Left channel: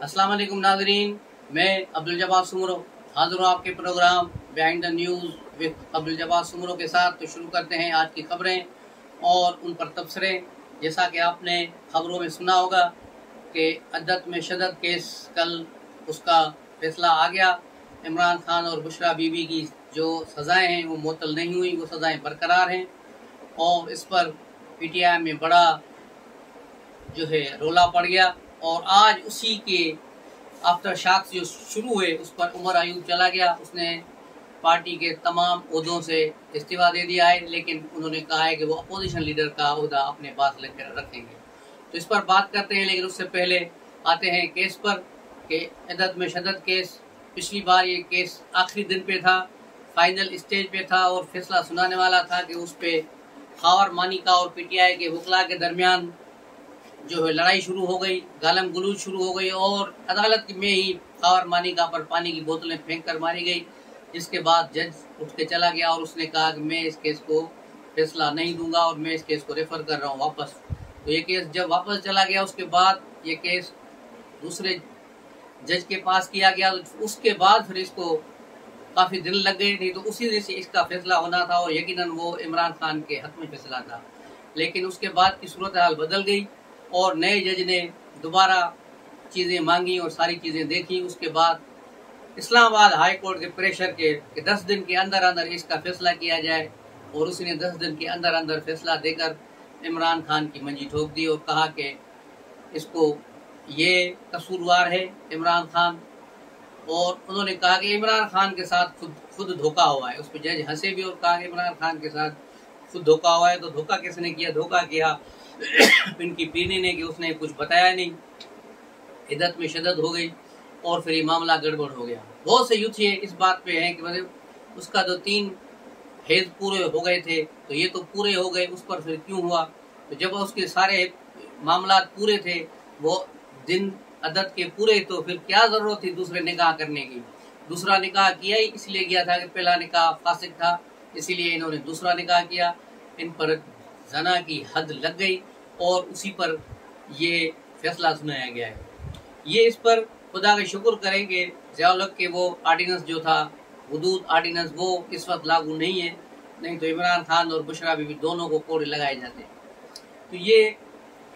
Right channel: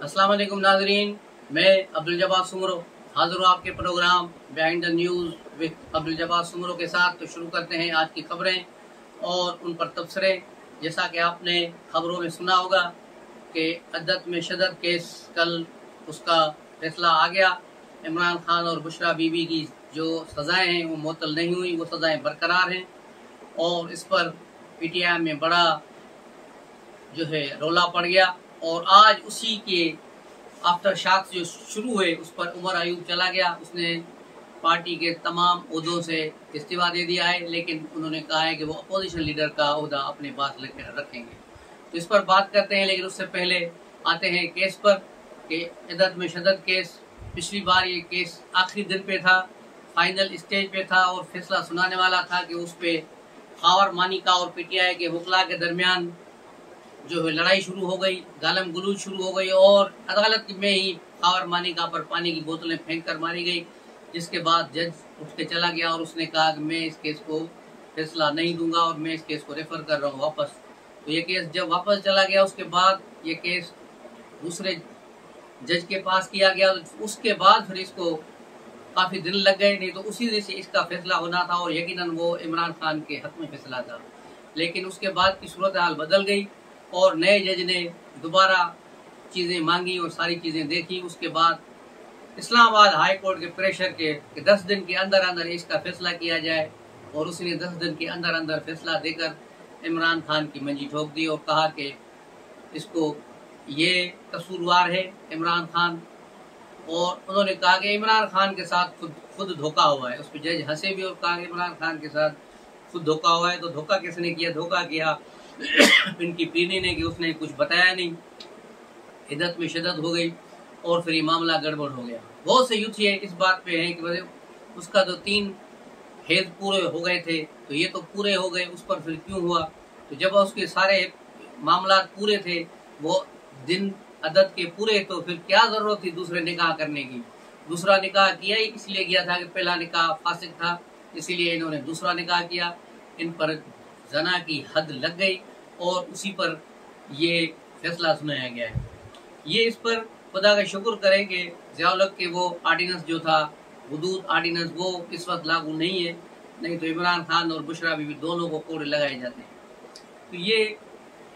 अस्सलाम वालेकुम नाजरीन, मैं अब्दुल जब्बार सुमरो हाजिर हूँ आपके program behind the news with Abdul Jabbar Soomro के साथ। तो शुरू करते हैं आज की खबरें और उन पर तबसरे। जैसा कि आपने खबरों में सुना होगा कि अद्दत में शदत केस कल उसका फैसला आ गया। इमरान खान और बुशरा बीबी की जो सज़ाएँ हैं वो मुअत्तल नहीं हुई, वो सज़ाएँ बरकरार हैं और इस पर PTI में बड़ा जो है रोला पड़ गया। और आज उसी के आफ्टर शॉक्स जो शुरू हुए उस पर उमर अयूब चला गया। उसने पार्टी के तमाम ओहदों से इस्तीफा दे दिया है, लेकिन उन्होंने कहा है कि वो अपोजिशन लीडर का ओहदा अपने पास रखेंगे। तो इस पर बात करते हैं, लेकिन उससे पहले आते हैं केस पर कि अदद में शदत केस। पिछली बार ये केस आखिरी दिन पे था, फाइनल स्टेज पे था और फैसला सुनाने वाला था कि उस पर खावर मानिका और PTI के वकला के दरमियान जो है लड़ाई शुरू हो गई, गालम गलूज शुरू हो गई और अदालत में ही खावर मानिका पर पानी की बोतलें फेंक कर मारी गई। जिसके बाद जज उठ के चला गया और उसने कहा कि मैं इस केस को फैसला नहीं दूंगा और मैं इस केस को रेफर कर रहा हूँ वापस। तो ये केस जब वापस चला गया उसके बाद ये केस दूसरे जज के पास किया गया। तो उसके बाद फिर इसको काफ़ी दिन लग गए, नहीं तो उसी दिन से इसका फैसला होना था और यकीनन वो इमरान खान के हक में फैसला था। लेकिन उसके बाद की सूरत हाल बदल गई और नए जज ने दोबारा चीज़ें मांगी और सारी चीज़ें देखी। उसके बाद इस्लामाबाद हाई कोर्ट के प्रेशर के कि 10 दिन के अंदर अंदर इसका फैसला किया जाए और उसने 10 दिन के अंदर अंदर फैसला देकर इमरान खान की मंजी ठोक दी और कहा कि इसको ये कसूरवार है इमरान खान। और उन्होंने कहा कि इमरान खान के साथ खुद धोखा हुआ है। उस पर जज हंसे भी और कहा कि इमरान खान के साथ खुद धोखा हुआ है। तो धोखा किसने किया? धोखा किया इनकी पीढ़ी ने कि उसने कुछ बताया नहीं, इद्दत में शदत हो गई और फिर ये मामला गड़बड़ हो गया। बहुत से यूथ ये इस बात पे हैं कि उसका जो 3 हेज पूरे हो गए थे तो ये तो पूरे हो गए, उस पर फिर क्यों हुआ? तो जब उसके सारे मामला पूरे थे, वो दिन अदद के पूरे, तो फिर क्या जरूरत थी दूसरे निकाह करने की? दूसरा निकाह किया ही इसलिए किया था कि पहला निकाह फासिक था, इसीलिए इन्होंने दूसरा निकाह किया। इन पर जना की हद लग गई और उसी पर ये फैसला सुनाया गया है। ये इस पर खुदा का शुक्र करें कि ज़ियाउल-हक के वो आर्डिनेंस जो था, हुदूद आर्डिनेंस, वो इस वक्त लागू नहीं है, नहीं तो इमरान खान और बुशरा बीबी दोनों को कोड़े लगाए जाते हैं। तो ये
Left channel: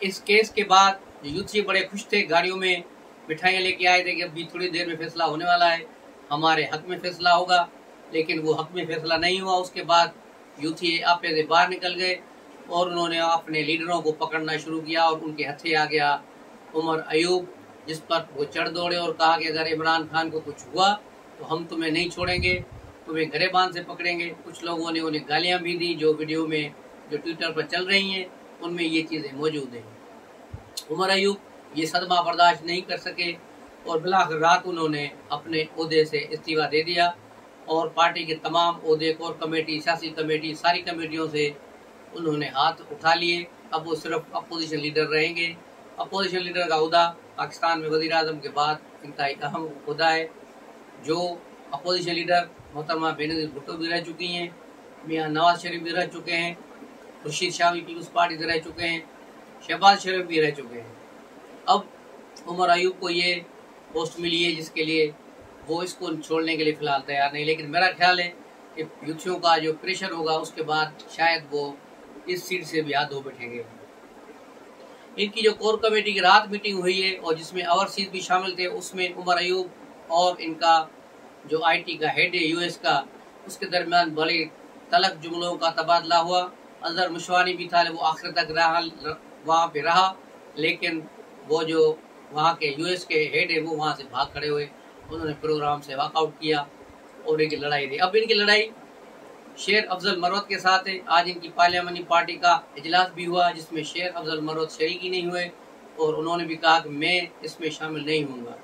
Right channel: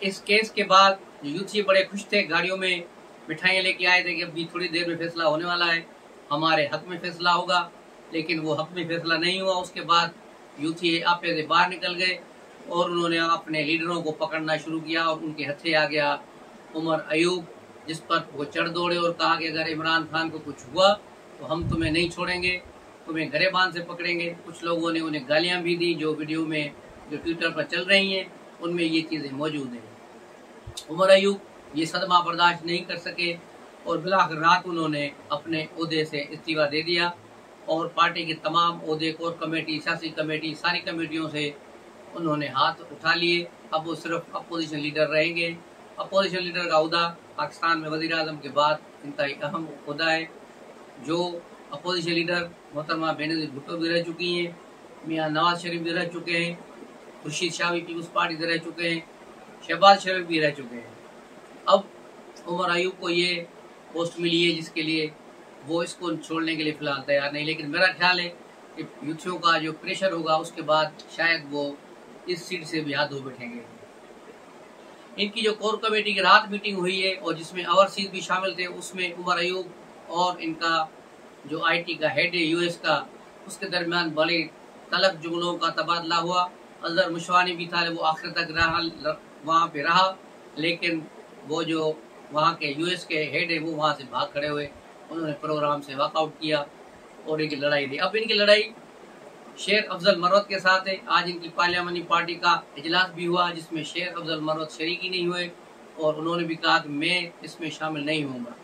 इस केस के बाद यूथ ये बड़े खुश थे, गाड़ियों में मिठाइयाँ लेके आए थे कि अभी थोड़ी देर में फैसला होने वाला है, हमारे हक में फैसला होगा। लेकिन वो हक में फैसला नहीं हुआ। उसके बाद यूथ ये आपे से बाहर निकल गए और उन्होंने अपने लीडरों को पकड़ना शुरू किया और उनके हथे आ गया उमर अयूब, जिस पर वो चढ़ दौड़े और कहा कि अगर इमरान खान को कुछ हुआ तो हम तुम्हें नहीं छोड़ेंगे, तुम्हें गरेबान से पकड़ेंगे। कुछ लोगों ने उन्हें गालियां भी दी, जो वीडियो में जो ट्विटर पर चल रही हैं उनमें ये चीज़ें मौजूद हैं। उमर अयूब ये सदमा बर्दाश्त नहीं कर सके और बिलाखिर रात उन्होंने अपने ओहदे से इस्तीफा दे दिया और पार्टी के तमाम ओहदे, कोर कमेटी, सियासी कमेटी, सारी कमेटियों से उन्होंने हाथ उठा लिए। अब वो सिर्फ अपोजिशन लीडर रहेंगे। अपोजिशन लीडर का ओहदा पाकिस्तान में वज़ीर आज़म के बाद इंतहाई अहम ओहदा है। जो अपोजिशन लीडर मोहतरमा बेनज़ीर भुट्टो भी रह चुकी हैं, मियाँ नवाज शरीफ भी रह चुके हैं, खुर्शीद शाह पीपल्स पार्टी से रह चुके हैं, शहबाज शरीफ भी रह चुके हैं। अब उमर अयूब को ये पोस्ट मिली है जिसके लिए वो इसको छोड़ने के लिए फ़िलहाल तैयार नहीं। लेकिन मेरा ख्याल है कि यूथियों का जो प्रेशर होगा उसके बाद शायद वो इस सीट से भी हाथ धो बैठेंगे। इनकी जो कोर कमेटी की रात मीटिंग हुई है और जिसमें ओवरसीज भी शामिल थे, उसमें उमर अयूब और इनका जो IT का हेड है US का, उसके दरमियान बड़े तलख जुमलों का तबादला हुआ। अजहर मुशवानी भी था, वो आखिर तक वहाँ पे रहा, लेकिन वो जो वहाँ के US के हेड है वो वहाँ से भाग खड़े हुए, उन्होंने प्रोग्राम से वॉकआउट किया और इनकी लड़ाई रही। अब इनकी लड़ाई शेर अफजल मरवत के साथ है। आज इनकी पार्लियामानी पार्टी का इजलास भी हुआ जिसमें शेर अफजल मरवत शरीकी नहीं हुए और उन्होंने भी कहा कि मैं इसमें शामिल नहीं होऊंगा।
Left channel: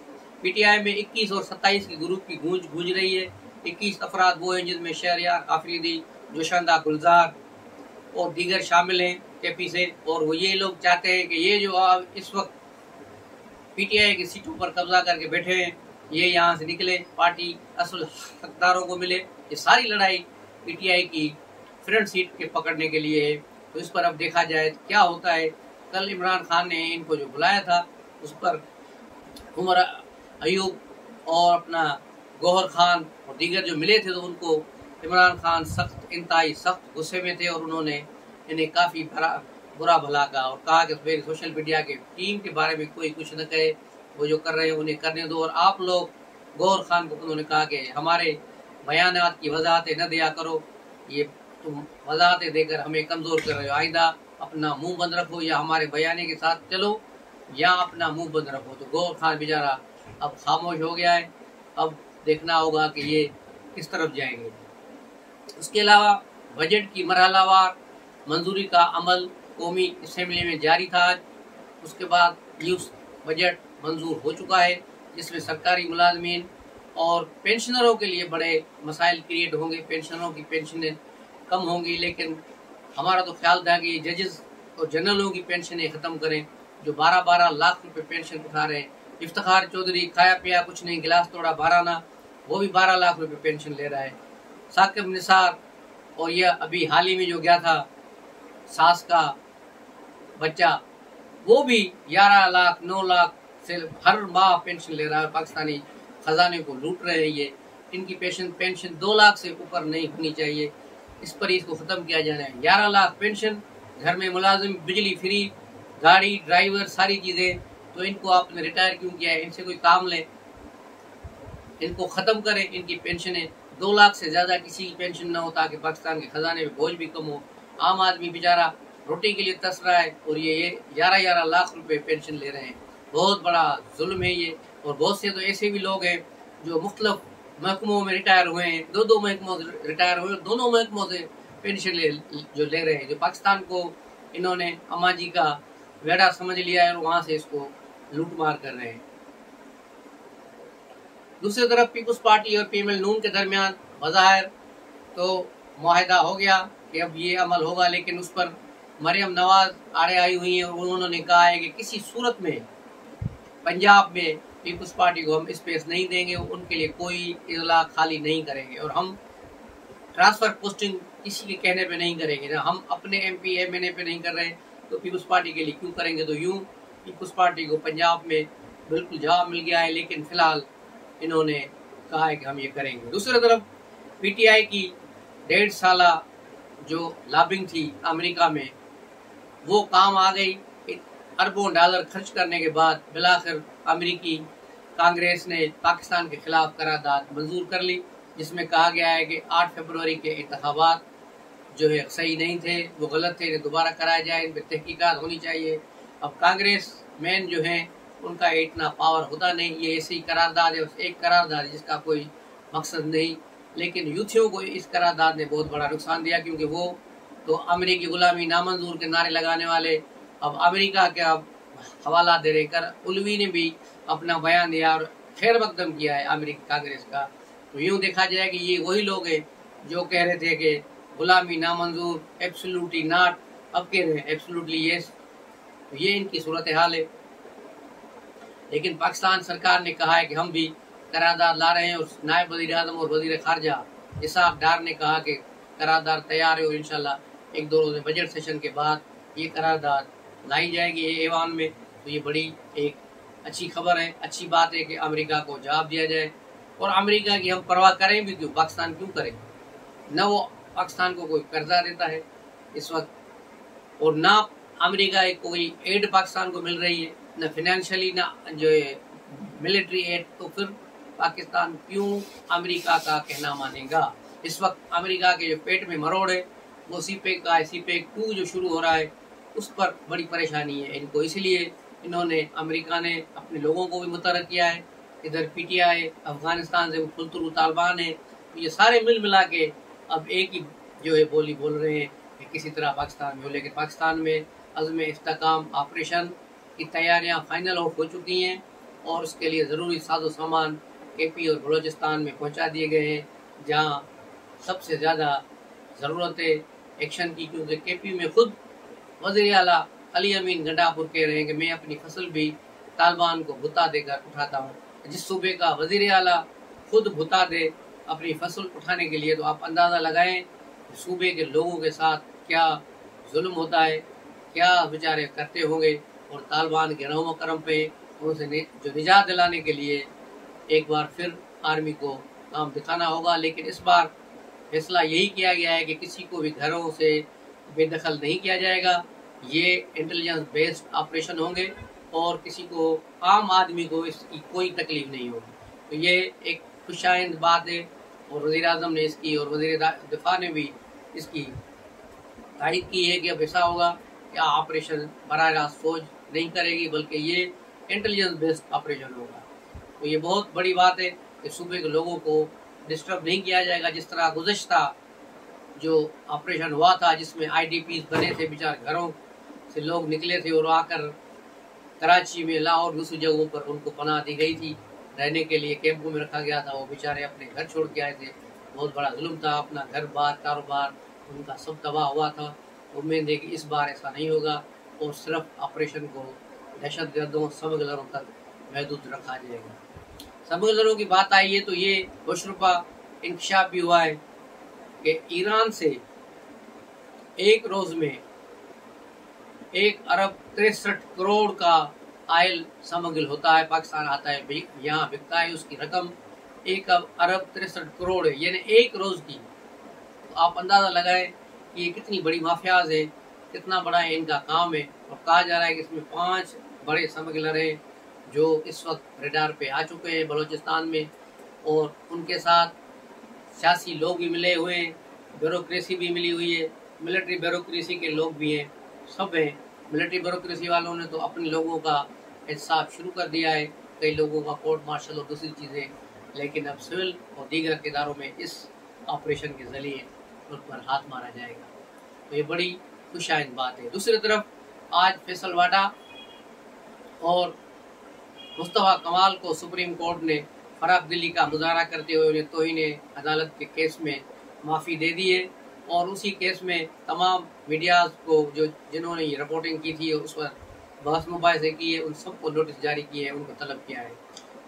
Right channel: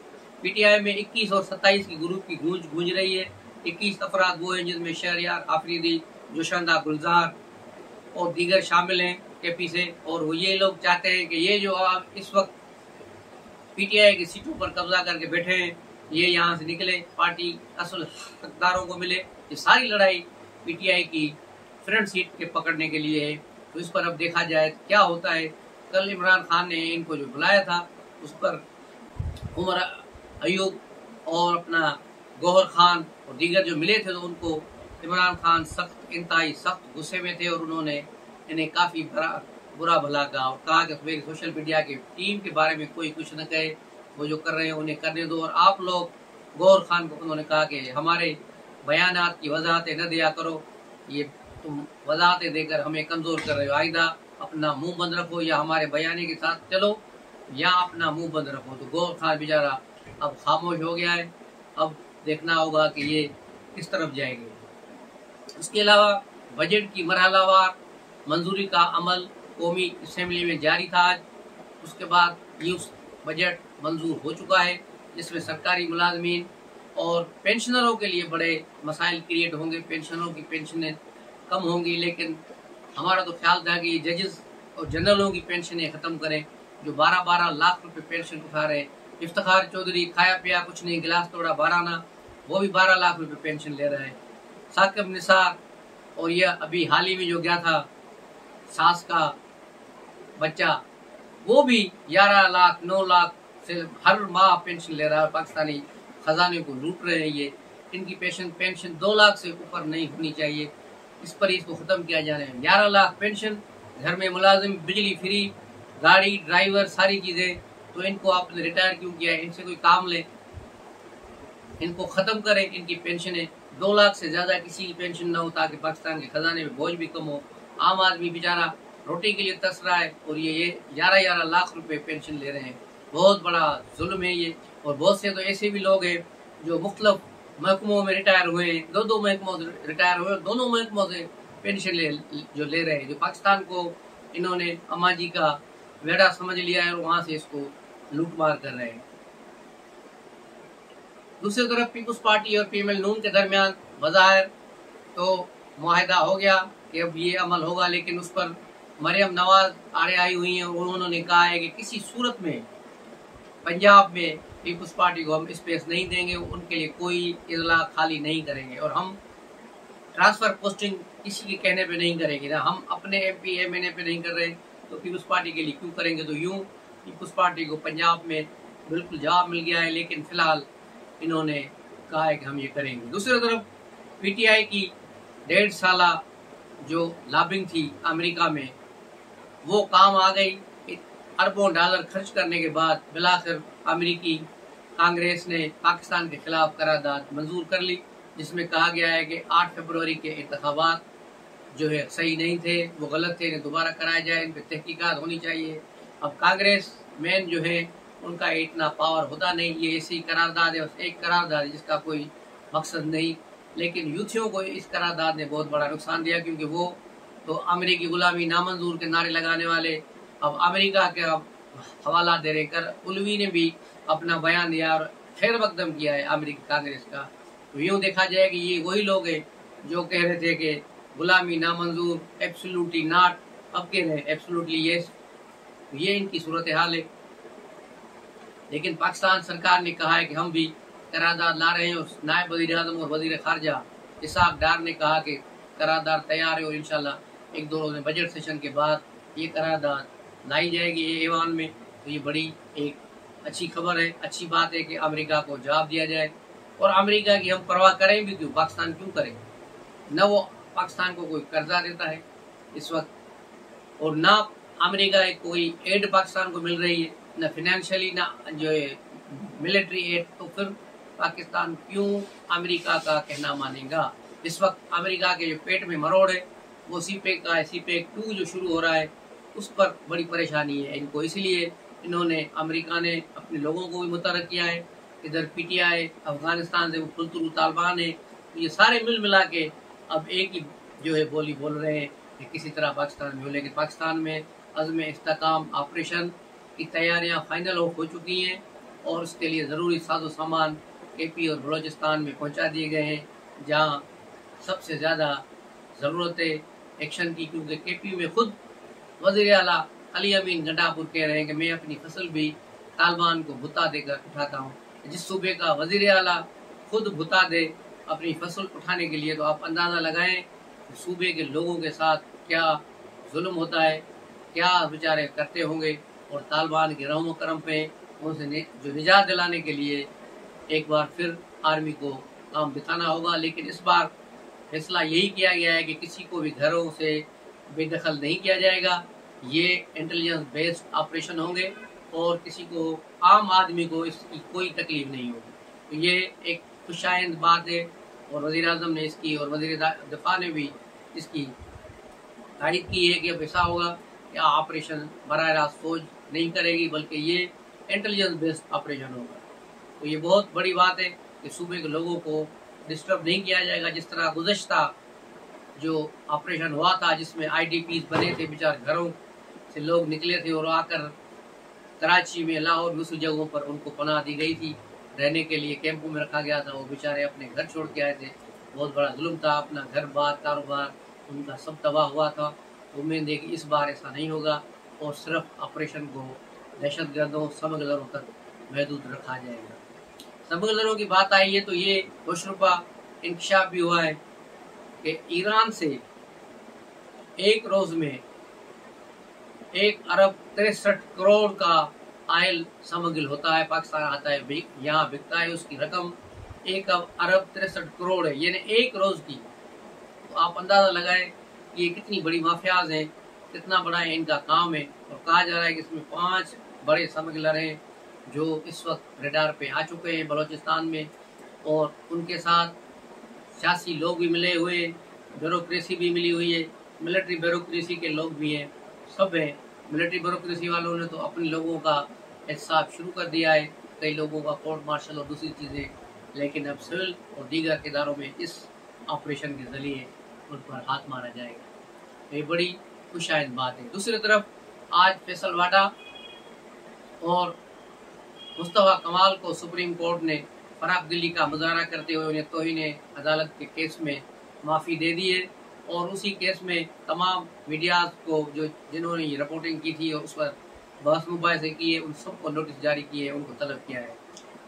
PTI में 21 और 27 की ग्रुप की गूंज रही है। 21 अफराद वो हैं जिनमें शहरियार आफरीदी, जोशंदा, गुलजार और दीगर शामिल हैं KP से। और वो ये लोग चाहते हैं कि ये जो इस वक्त PTI की सीटों पर कब्जा करके बैठे हैं, ये यहाँ से निकले, पार्टी असल हकदारों को मिले। ये सारी लड़ाई PTI की फ्रंट सीट के पकड़ने के लिए है। तो इस पर अब देखा जाए क्या होता है। कल इमरान खान ने इनको जो बुलाया था उस पर उमर अयूब और अपना गौहर खान और दीगर जो मिले थे, तो उनको इमरान खान इंतहाई सख्त गुस्से में थे और उन्होंने इन्हें काफ़ी बुरा भला कहा और कहा कि मेरी सोशल मीडिया के टीम के बारे में कोई कुछ न कहे, वो जो कर रहे हैं उन्हें करने दो। और आप लोग गौहर खान को उन्होंने कहा कि हमारे बयानात की वजाहतें न दिया करो, ये तुम वजाहतें देकर हमें कमज़ोर कर रहे हो, आइंदा अपना मुंह बंद रखो या हमारे बयाने के साथ चलो या अपना मुंह बंद रखो। तो गौहर खान बेचारा अब खामोश हो गया है, अब देखना होगा कि ये किस तरफ जाएंगे। उसके अलावा बजट की मरहलावार मंजूरी का अमल कौमी असम्बली में जारी था आज। उसके बाद यूथ बजट मंजूर हो चुका है, जिसमें सरकारी मुलाजमीन और पेंशनरों के लिए बड़े मसाइल क्रिएट होंगे। पेंशनरों की पेंशनें कम होंगी, लेकिन हमारा तो ख्याल था कि जजेस और जनरलों की पेंशनें ख़त्म करें, जो 12-12 लाख रुपए पेंशन उठा रहे हैं। इफ्तिखार चौधरी खाया पिया कुछ नहीं, गिलास तोड़ा 12 ना, वो भी 12 लाख रुपए पेंशन ले रहा है। साकिब निसार और यह अभी हाल ही में जो गया था सास का बच्चा, वो भी 11 लाख 9 लाख से हर माह पेंशन ले रहा है। पाकिस्तानी खजाने को लूट रहे हैं ये। इनकी पेंशन 2 लाख से ऊपर नहीं होनी चाहिए, इस पर इसको ख़त्म किया जाना है। 11 लाख पेंशन, घर में मुलाजिम, बिजली फ्री, गाड़ी, ड्राइवर, सारी चीज़ें, तो इनको आपने रिटायर क्यों किया है? इनसे कोई काम लें, इनको ख़त्म करें। इनकी पेंशनें 2 लाख से ज़्यादा किसी की पेंशन ना हो, ताकि पाकिस्तान के खजाने में बोझ भी कम हो। आम आदमी बेचारा रोटी के लिए तरस रहा है और ये 11-11 लाख रुपए पेंशन ले रहे हैं। बहुत बड़ा जुल्म है ये। और बहुत से तो ऐसे भी लोग हैं जो मुख्तलिफ महकमों में रिटायर हुए हैं, 2-2 महकमों से रिटायर हुए और दोनों महकमों से पेंशन ले रहे हैं। जो पाकिस्तान को इन्होंने अम्मा जी का वेड़ा समझ लिया है और वहाँ से इसको लूट मार कर रहे हैं। दूसरी तरफ पीपुल्स पार्टी और पीएमएल नून के दरमियान बज़ाहिर तो मुआहिदा हो गया कि अब ये अमल होगा, लेकिन उस पर मरियम नवाज आड़े आई हुई हैं और उन्होंने कहा है कि किसी सूरत में पंजाब में पीपुल्स पार्टी को हम स्पेस नहीं देंगे, उनके लिए कोई इजला खाली नहीं करेंगे और हम ट्रांसफर पोस्टिंग किसी के कहने पे नहीं करेंगे ना। हम अपने एमपी एमएनए पे नहीं कर रहे तो पीपुल्स पार्टी के लिए क्यों करेंगे? तो यूं पीपुल्स पार्टी को पंजाब में बिल्कुल जवाब मिल गया है, लेकिन फिलहाल इन्होंने कहा है कि हम ये करेंगे। दूसरी तरफ पीटीआई की 1.5 साल जो लॉबिंग थी अमेरिका में, वो काम आ गई। अरबों डॉलर खर्च करने के बाद बिलाखिर अमेरिकी कांग्रेस ने पाकिस्तान के खिलाफ करारदाद मंजूर कर ली, जिसमें कहा गया है कि 8 फरवरी के इंतखाबात जो है सही नहीं थे, वो गलत थे, इन्हें दोबारा कराया जाए, इन पर तहकीकात होनी चाहिए। अब कांग्रेस मैन जो है उनका इतना पावर होता नहीं, ये ऐसी करारदाद है, एक करारदाद है जिसका कोई मकसद नहीं। लेकिन यूथियों को इस करारदाद ने बहुत बड़ा नुकसान दिया, क्योंकि वो तो अमेरिकी गुलामी नामंजूर के नारे लगाने वाले अब अमेरिका के हवाला दे रहे कर। उलवी ने भी अपना बयान दिया और खैर मकदम किया है अमेरिकी कांग्रेस का। तो यूँ देखा जाए कि ये वही लोग हैं जो कह रहे थे कि गुलामी नामंजूर, एब्सोल्युटली नॉट, अब कह रहे हैं एब्सोल्युटली यस। तो ये इनकी सूरत हाल है। लेकिन पाकिस्तान सरकार ने कहा है कि हम भी करारदाद ला रहे हैं और नायब वज़ीर आज़म और वज़ीर खारजा इसहाक डार ने कहा कि करारदाद तैयार है और इंशाल्लाह 1-2 रोज़ बजट सेशन के बाद ये करारदाद लाई जाएगी ऐवान में। तो ये बड़ी एक अच्छी खबर है, अच्छी बात है कि अमेरिका को जवाब दिया जाए। और अमेरिका की हम परवाह करें भी क्यों, पाकिस्तान क्यों करें? न वो पाकिस्तान को कोई कर्जा देता है इस वक्त, और ना अमेरिका कोई एड पाकिस्तान को मिल रही है, न फाइनेंशियली ना जो है मिलिट्री एड। तो फिर पाकिस्तान क्यों अमेरिका का कहना मानेगा? इस वक्त अमेरिका के जो पेट में मरोड़ है वो सीपेक का है। सीपेक 2 जो शुरू हो रहा है उस पर बड़ी परेशानी है इनको, इसलिए इन्होंने अमेरिका ने अपने लोगों को भी मुतहर्रिक किया है। इधर पीटीआई अफगानिस्तान से वो फुलतुरु तालिबान है, तो ये सारे मिल मिला के अब एक ही जो है बोली बोल रहे हैं कि किसी तरह पाकिस्तान में हो। लेकिन पाकिस्तान में अज़्म इस्तेहकाम ऑपरेशन की तैयारियां फाइनल हो चुकी हैं और उसके लिए ज़रूरी साजो सामान केपी और बलूचिस्तान में पहुंचा दिए गए हैं, जहां सबसे ज़्यादा ज़रूरत है एक्शन की। क्योंकि केपी में खुद वज़ीर आला अली अमीन गंडापुर कह रहे हैं कि मैं अपनी फसल भी तालिबान को भुता देकर उठाता हूँ। जिस सूबे का वज़ीर आला खुद भुता दे अपनी फसल उठाने के लिए, तो आप अंदाज़ा लगाएं सूबे के लोगों के साथ क्या जुल्म होता है, क्या बेचारे करते होंगे। और तालिबान के रहम करम पे उनसे जो निजात दिलाने के लिए एक बार फिर आर्मी को काम दिखाना होगा। लेकिन इस बार फैसला यही किया गया है कि किसी को भी घरों से बेदखल नहीं किया जाएगा। ये इंटेलिजेंस बेस्ड ऑपरेशन होंगे और किसी को, आम आदमी को इसकी कोई तकलीफ नहीं होगी। तो ये एक खुशाइंद बात है और वज़ीर आज़म ने इसकी और वज़ीर दिफा ने भी इसकी तारीफ की है कि अब ऐसा होगा कि ऑपरेशन बराह रास्त फौज नहीं करेगी बल्कि ये इंटेलिजेंस बेस्ड ऑपरेशन होगा। तो ये बहुत बड़ी बात है कि सूबे के लोगों को डिस्टर्ब नहीं किया जाएगा। जिस तरह गुज़श्ता जो ऑपरेशन हुआ था जिसमें IDPs बने थे, बेचारे घरों से लोग निकले थे और आकर कराची में, लाहौर, दूसरी जगहों पर उनको पनाह दी गई थी, रहने के लिए कैंपों में रखा गया था। वो बेचारे अपने घर छोड़ के आए थे, बहुत बड़ा जुल्म था, अपना घर बार कारोबार उनका सब तबाह हुआ था। उम्मीद है कि इस बार ऐसा नहीं होगा और सिर्फ ऑपरेशन को दहशतगर्दों, स्मगलरों तक महदूद रखा जाएगा। स्मगलरों की बात आई है तो ये होशरुपा इंकशाफ भी हुआ है कि ईरान से एक रोज में 1 अरब 63 करोड़ का आयल स्मगल होता है, पाकिस्तान आता है, यहाँ बिकता है। उसकी रकम 1 अरब 63 करोड़ है, यानी एक रोज की। तो आप अंदाजा लगाएं कि ये कितनी बड़ी माफियाज है, कितना बड़ा है इनका काम है। और कहा जा रहा है कि इसमें 5 बड़े स्मगलर हैं जो इस वक्त रेडार पे आ चुके हैं बलूचिस्तान में, और उनके साथ सियासी लोग भी मिले हुए हैं, ब्यूरोक्रेसी भी मिली हुई है, मिलिट्री ब्यूरोक्रेसी के लोग भी हैं, सब हैं। मिलिट्री ब्यूरोक्रेसी वालों ने तो अपने लोगों का एहतसाब शुरू कर दिया है, कई लोगों का कोर्ट मार्शल और दूसरी चीज़ें, लेकिन अब सिविल और दीगर इदारों में इस ऑपरेशन के ज़रिए उन पर हाथ मारा जाएगा। तो ये बड़ी खुशाइंद बात है। दूसरी तरफ आज फैसल वाडा और मुस्तफ़ा कमाल को सुप्रीम कोर्ट ने फराग दिली का मुजाहरा करते हुए उन्हें तौहीन अदालत के केस में माफ़ी दे दी है, और उसी केस में तमाम मीडियाज़ को जिन्होंने ये रिपोर्टिंग की थी और उस पर बहस मुबाहिसे किए, उन सबको नोटिस जारी किए हैं, उनको तलब किया है।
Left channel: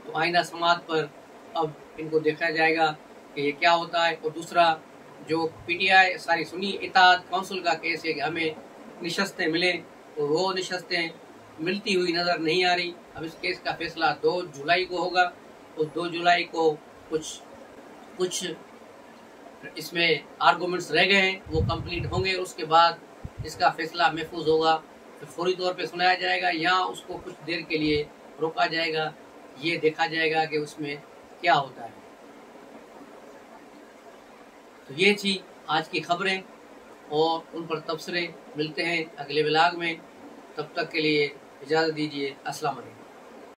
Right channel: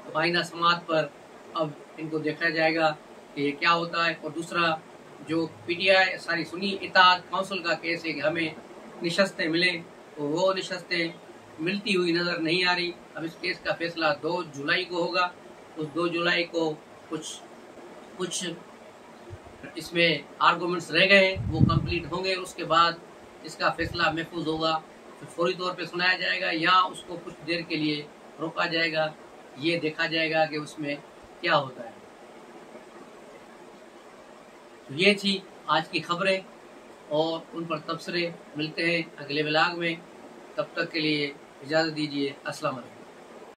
तो आइंदा समात पर अब इनको देखा जाएगा कि ये क्या होता है। और दूसरा जो PTI सारी सुन्नी इत्तेहाद काउंसिल का केस है कि हमें निशस्तें मिलें, तो वो निशस्तें मिलती हुई नज़र नहीं आ रही। अब इस केस का फैसला 2 जुलाई को होगा। उस 2 जुलाई को कुछ इसमें आर्गूमेंट्स रह गए हैं, वो कंप्लीट होंगे। उसके बाद इसका फैसला महफूज होगा, फिर फौरी तौर पे सुनाया जाएगा या उसको कुछ देर के लिए रोका जाएगा। ये देखा जाएगा कि उसमें क्या होता है। तो ये थी आज की खबरें और उन पर तबसरे। मिलते हैं अगले व्लॉग में, तब तक के लिए इजाज़त दीजिए। अस्सलाम वालेकुम।